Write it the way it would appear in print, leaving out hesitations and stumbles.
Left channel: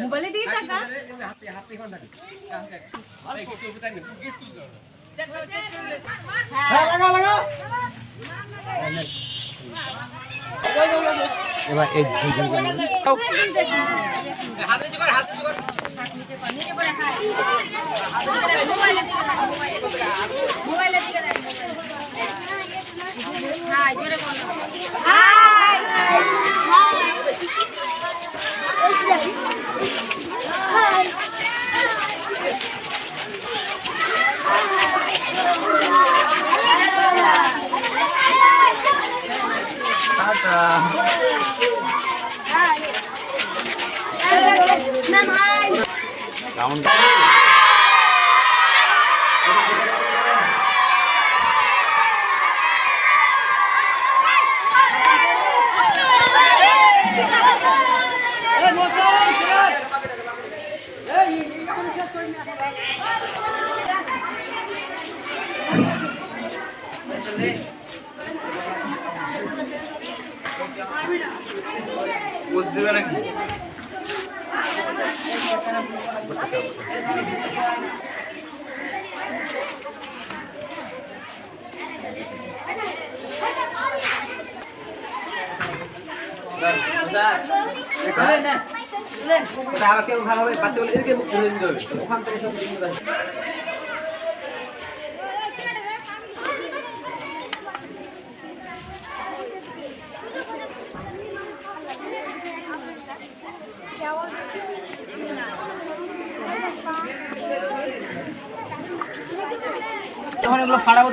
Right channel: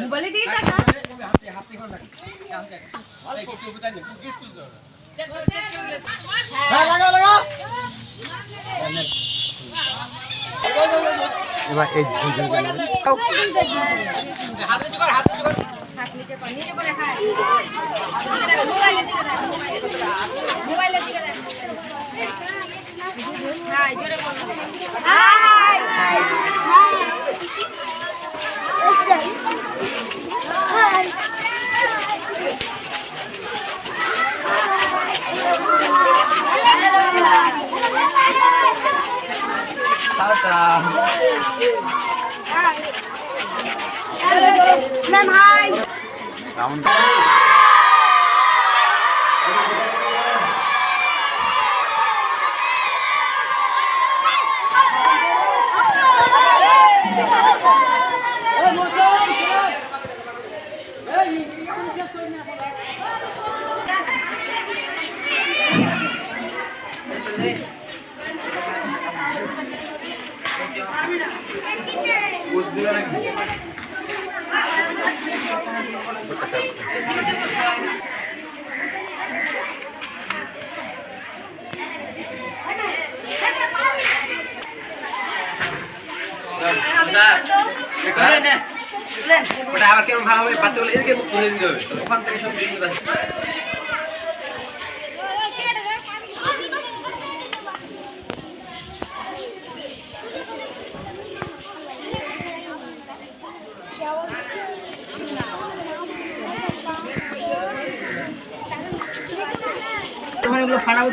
মোবাইলে দিয়েছে এবার এই দুজন Ma'am, hi. ওটা আবার কেমন ভালো হবে বাচ্চাগুলো এদিকে মুখ ঘুরে দিতে হবে ওখান থেকে সব দিন তখন এগুলো ফাড়াবো